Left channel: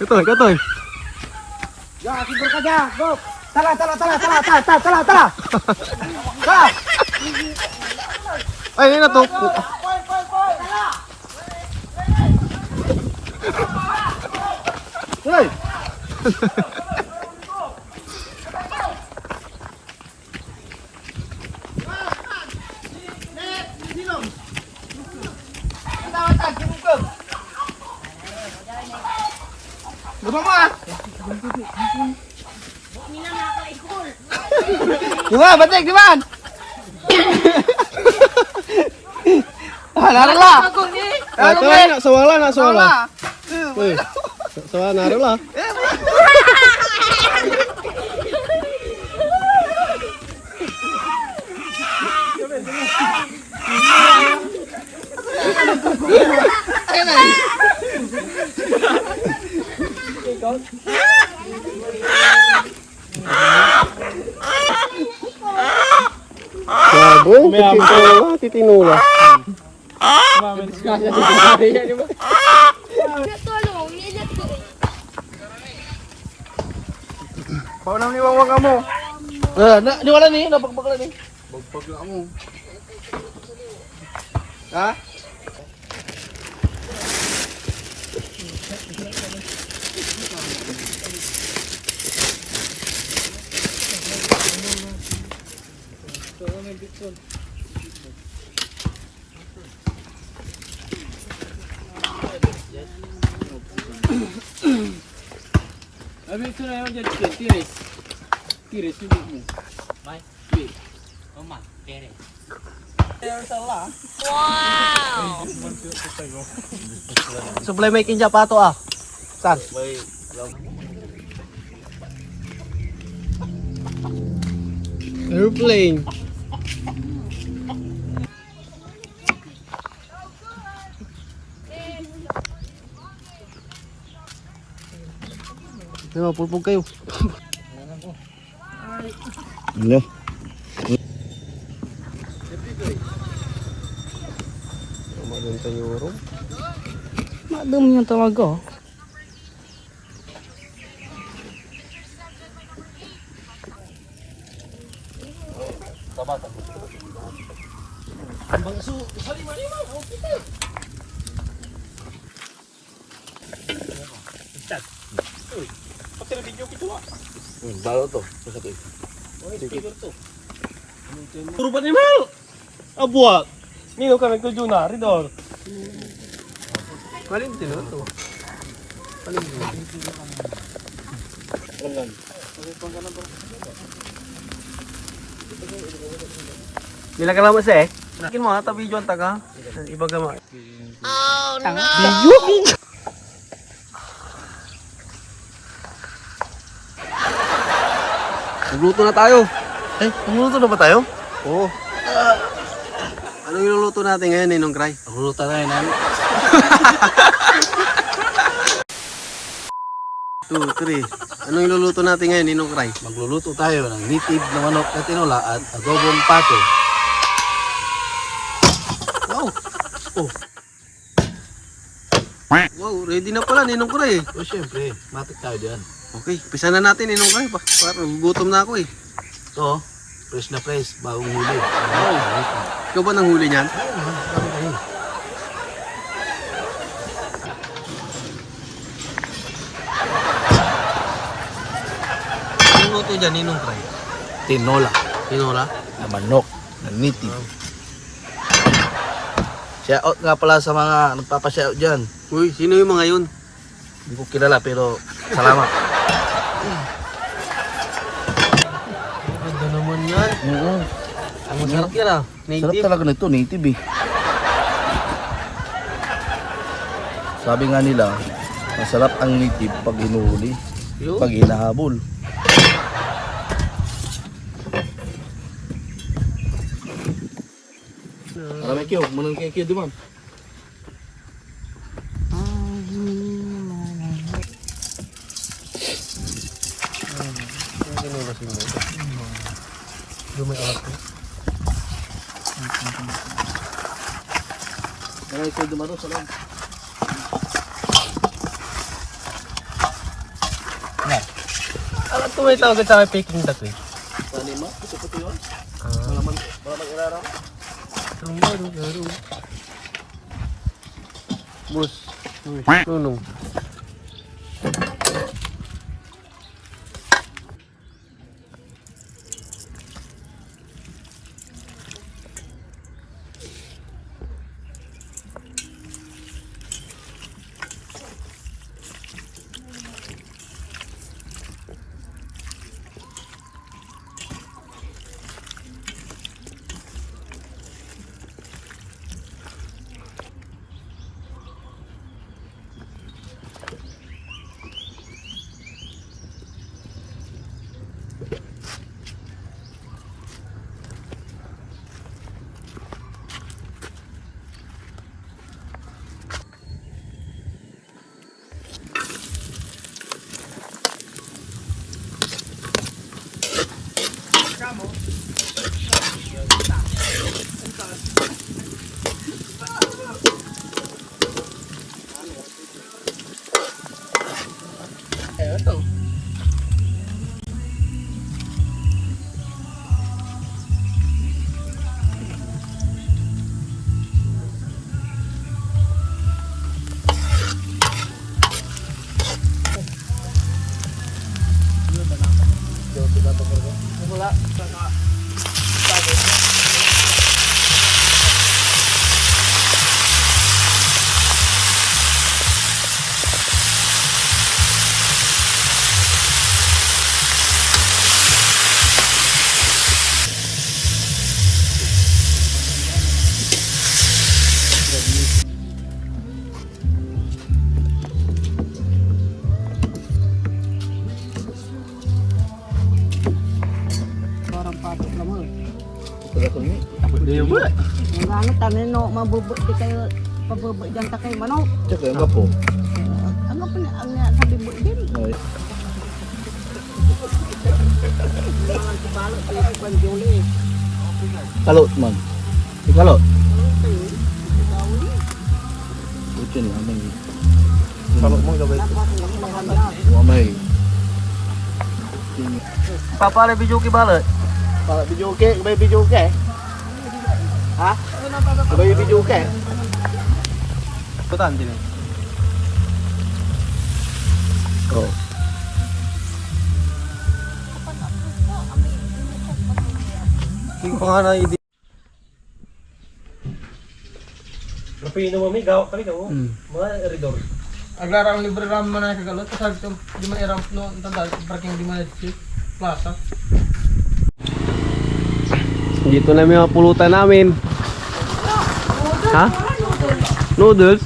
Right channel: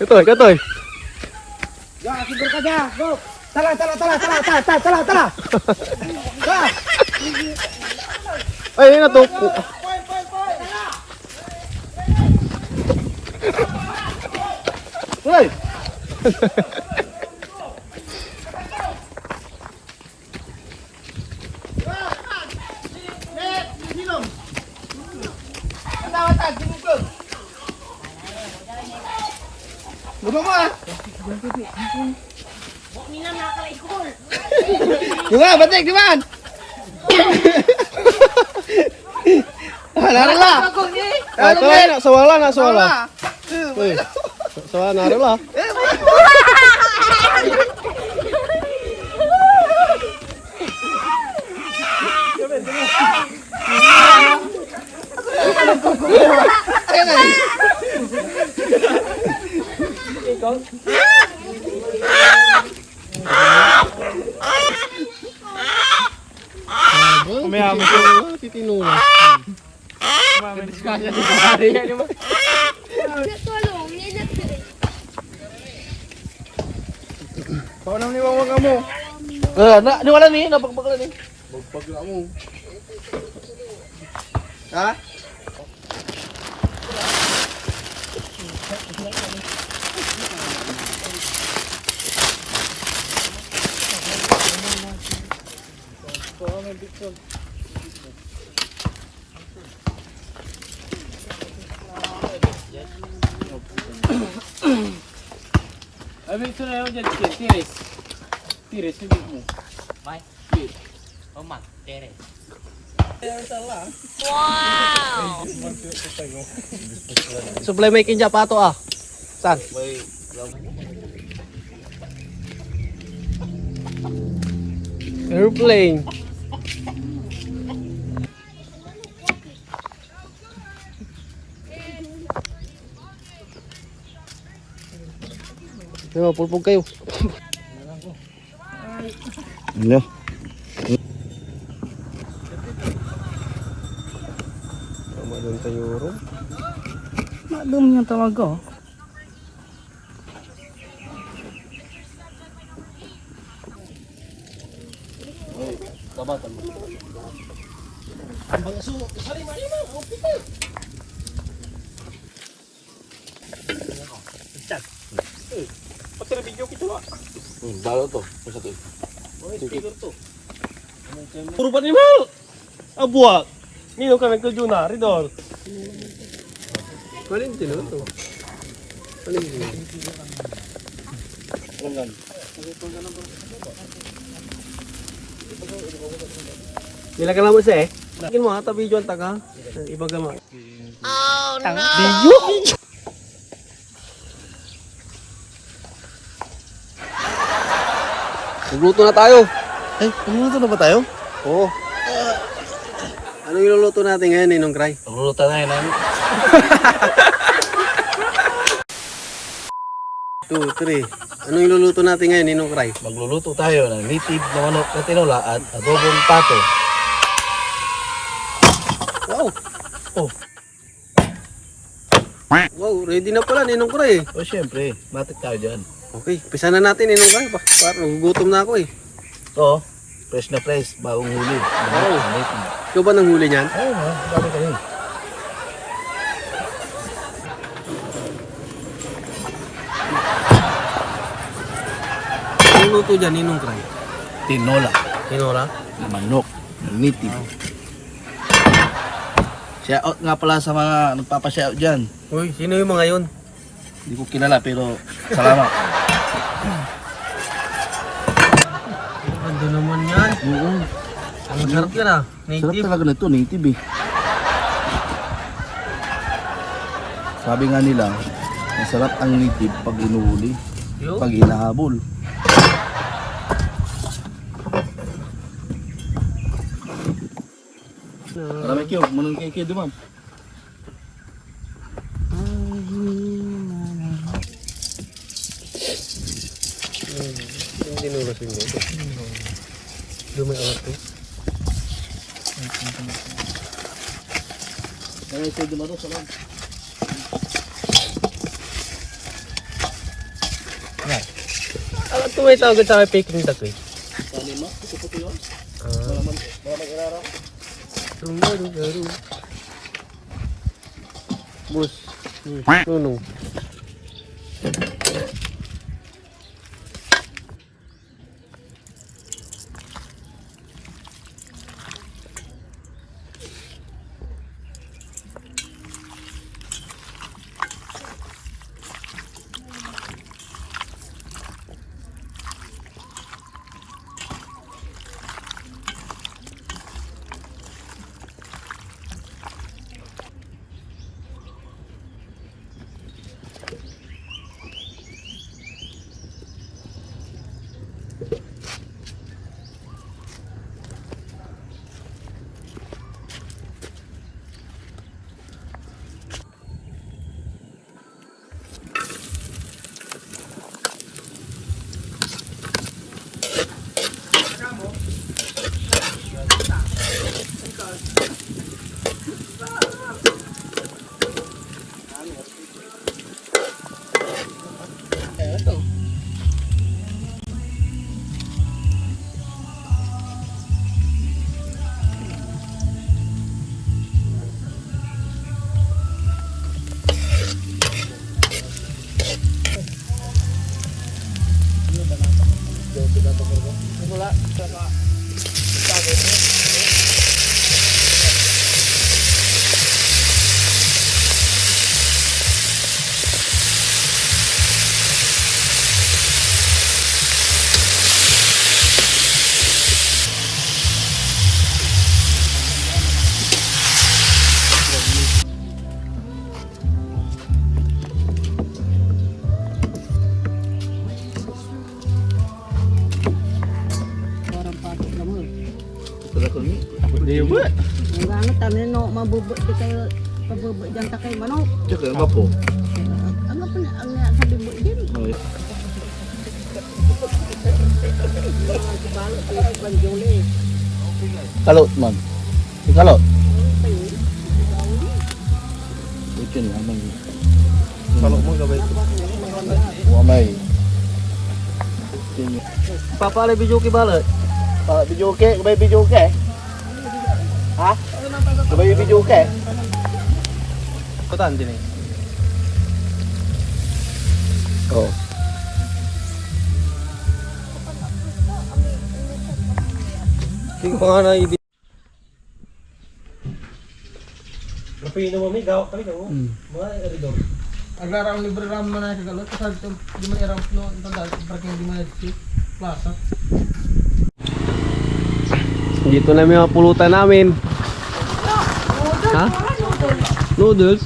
Katoy, katoy. Ya, tidur aja. Go. Tala. Ba. Ay, ano to? Hoy. Gusto mo ah? Diba? Batik, diba? Laro lah. Ito na, sawala na, sawala. Sawala na, laro lah. Sabong, titinula. Kau nang ni wang kamu? Na, di wala ni, nabagpag na ni. Bagpag na mo. Ha? Abi ito na yun dyan, tiris. Tiris, hindi mo. May? Tiris. Oh man, tiris. Wow! Supply making siya pato ah. Saan? Airplane. Yo, pulpog kayo. Ano? Madon tayo ro. Madum yung tawag ko. Dalo to, isa to. Puro pa ni Mal. Abua. Nino ka nagtudyo na, Ridol. Paling tino to. Paling tino. Bila ka naman siya eh. Nakin mo ha, tabi yung taga. Iba gama. Oh no! Nagluto na tayo. Lumuluto na ba tayo? Oo. Anong iluluto natin ngayon, Ninong Cry? Lumuluto na yun. 2, 3. Anong iluluto natin ngayon, Ninong Cry? Magluluto tayo ng native na manok na tinola at adobong pato. Wow! Oh. Wow, ready na pala, Ninong Cry. O syempre, matik tayo dyan. Okay, pisa na natin, Ninong Cry. Parang gutom na ako eh. So, fresh na fresh, bagong huli. Wow. Ikaw ba nang huli niyan? Ayun ha, dami kayo. Anong luto dyan, Ninong Cry? Tinola Tinola? na manok, native. Shout out nga pala sa mga nagpapashout dyan. Uy, sino yung mga yun? Hindi ko kilala pero salamat. Ano naman yan? Oo. Ang sarap yan ah. Sarap Native. talaga nito, native eh. Sabi nga nila, masarap ang native pag inuhuli, Yo. pag hinahabol. Marami kayo, manang kayo di man. Dumating. Kaya ikaw dumaro sa lang. Ito may tawag sa fake ring dako eh. Panima, ito po yun. Malaman iraraw. Bus. Tulong. Iya ba? Ang ano tamin no mabubot di kayo pabubot diyan ta kay manok. Tsaka yung po. Ano pa na ang sabi mo din. Okay. Kalot man. Kalot. Putin lang man. Wamay. Papa ada video ke bala. Video ke, kembali video ke? Ha? Kembali video ke? Betul dia. Oh. Tingkong na idi. Napino mo mi gaw kami daw. Mga eridor. Agarang libre ram man ay kagalot sa di man iram no tanda parking di man di plaza. Dito na mga pulutan namin. Ha? Noodles?